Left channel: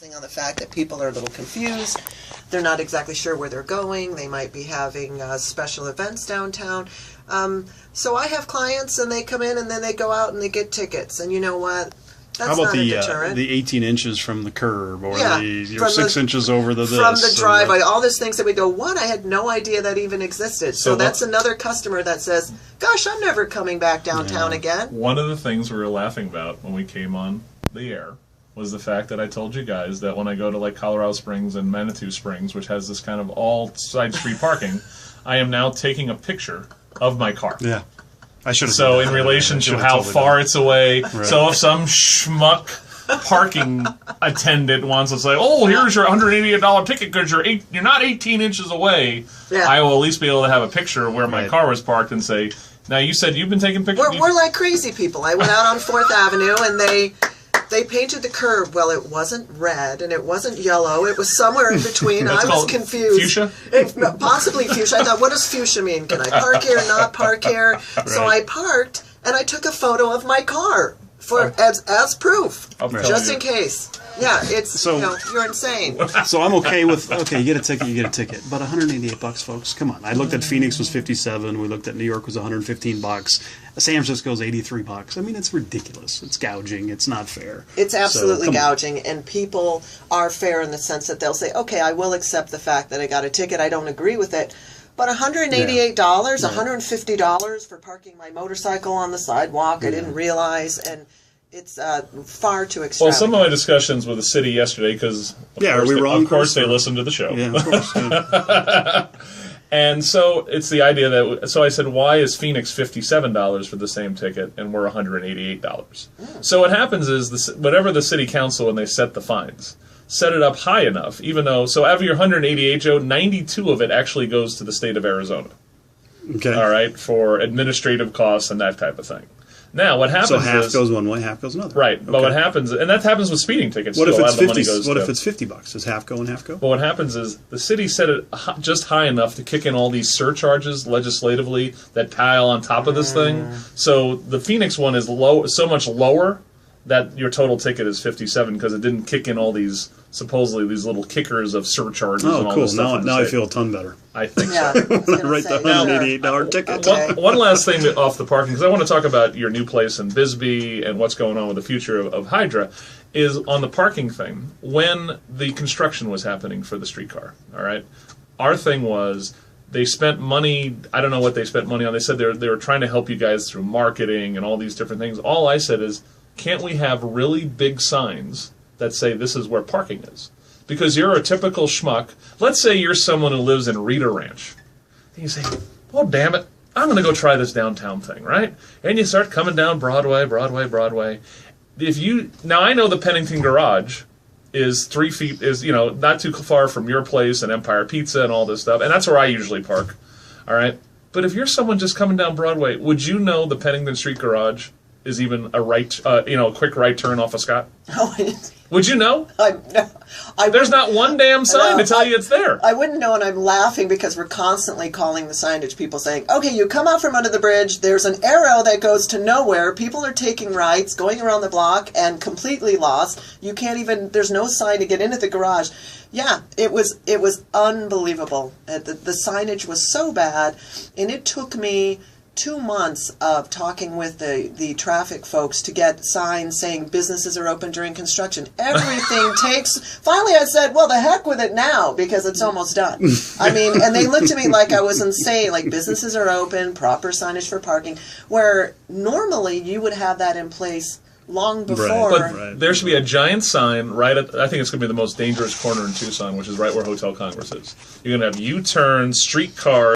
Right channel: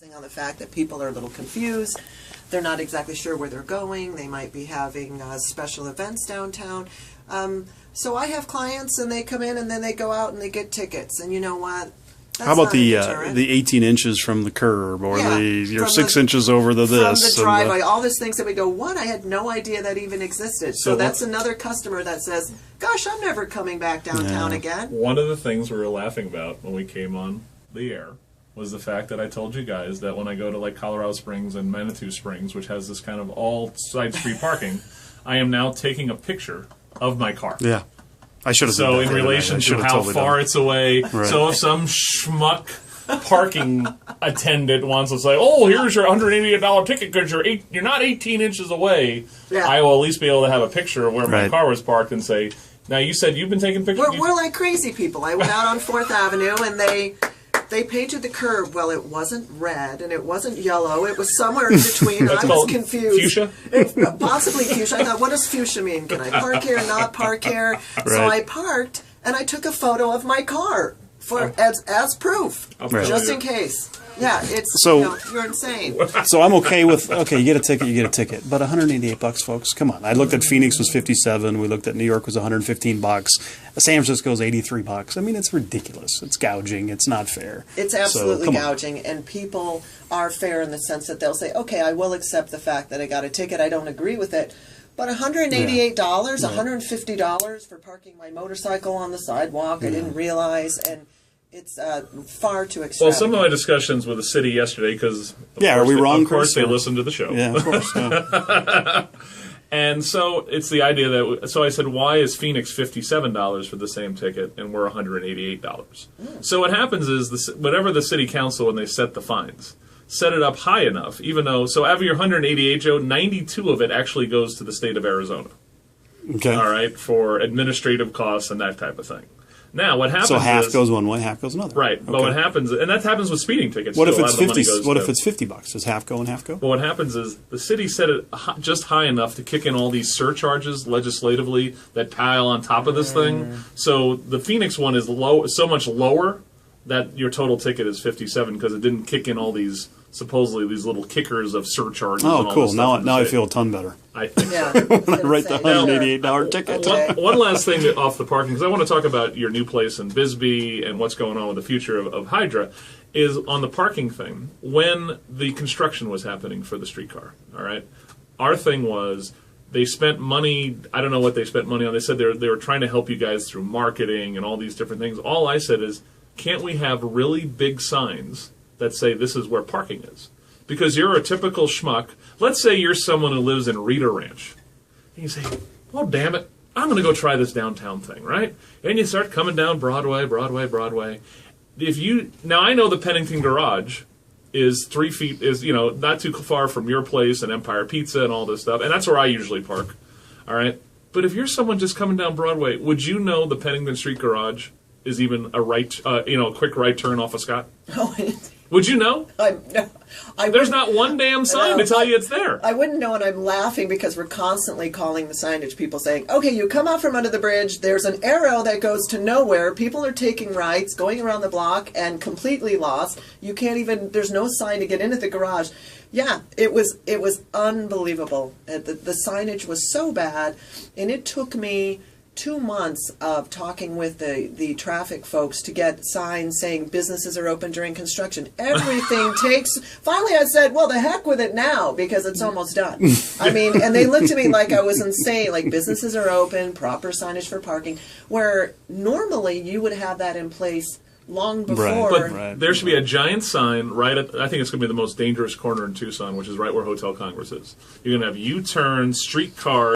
On the fact that people are a little confused. They're not exactly sure where they're going. They might be having special events downtown. So I have clients and they come in and then they go out and they get tickets. And you know what? That's How about not a deterrent. the 18 inches from the curb or you're 6 the, inches over the this? From the driveway, all these things that we go, what? I had no idea that even existed. So that's another customer that says, gosh, I'm never coming back downtown again. One of the things we were laughing about when we came on the air was the fact that I told you guys that when I go to like Colorado Springs and Manitou Springs, which has this kind of all side street parking, I am now taking a picture of my car. Yeah. I should have. So in relation to how far it's away, right. So if some schmuck parking attendant wants to say, "Oh, here's your $188 ticket because you're not 18 inches away," I will at least be able to have a picture of where my car was parked and say, "Now you said you've been taking pictures." We're like crazy people. I went out on 4th Avenue and they painted the curb. Well, it wasn't red and it wasn't yellow. It was somewhere in between. I was confused. Fuchsia? Possibly fuchsia. I thought, what does fuchsia mean? Can I park here, not park here? Right. So I parked and I took a photo of my car as proof, just in case. Yeah, it's, you're insane. So I'm okay with, you get a ticket. But $188, folks, come on. I looked at Phoenix was $57. We looked at New York was $115. San Francisco's $83. I mean, it's ridiculous. It's gouging. It's not fair. It's absolutely gouging. And people are fair in the sense that they'll say, okay, I will accept the fact that I got a ticket. I don't agree with it. But $188, $150 for parking my motorcycle on the sidewalk, I didn't realize, and it's far too extravagant. Well, some of my discussions with the city yesterday, because of course they listened to the show. Yeah, of course. Yeah. And so it's the idea that, so I said, why is Phoenix $57 for the same ticket and we're $188? So what happens is, whatever the city council, when they set the fines, set it up high enough, even though, so out of your 188, Joe, 92 of it actually goes to the state of Arizona. Okay. All right, for administrative costs and that type of thing. Now, what happens is... So half goes one way, half goes another. Right, but what happens... And that happens with speeding tickets. What if it's 50? What if it's $50? Does half go and half go? Well, what happens is the city set it just high enough to kick in all these surcharges legislatively that pile on top of this thing. So the Phoenix one is so much lower that your total ticket is $57 because it didn't kick in all these... supposedly these little kickers of surcharges. Oh, and all cool! This stuff Now I feel a ton better. I think so. When I write the $188 ticket. One last thing off the parking, because I want to talk about your new place in Bisbee and what's going on with the future of Hydra, is on the parking thing. When the construction was happening for the streetcar, all right, our thing was they spent money. I don't know what they spent money on. They said they were trying to help you guys through marketing and all these different things. All I said is, can't we have really big signs that say this is where parking is? Because you're a typical schmuck. Let's say you're someone who lives in Rita Ranch. And you say, well, damn it, I'm going to go try this downtown thing, right? And you start coming down Broadway. Now, I know the Pennington Garage is 3 feet, not too far from your place and Empire Pizza and all this stuff. And that's where I usually park, all right? But if you're someone just coming down Broadway, would you know the Pennington Street Garage is even a quick right turn off of Scott? No, would you know? There's not one damn sign to tell you it's there. I wouldn't know, and I'm laughing because we're constantly calling the signage people saying, okay, you come out from under the bridge, there's an arrow that goes to nowhere, people are taking rights, going around the block, and completely lost. You can't even, there's no sign to get into the garage. Yeah, it was unbelievable. The signage was so bad, and it took me 2 months of talking with the traffic folks to get signs saying businesses are open during construction. Everything takes... Finally, I said, well, the heck with it now, because it's almost done. I mean, and they looked at me like I was insane, like businesses are open, proper signage for parking, where normally you would have that in place long before. But there should be a giant sign right at, I think it's going to be the most dangerous corner in Tucson, which is right where Hotel Congress is. You're going to have U-turns, streetcars,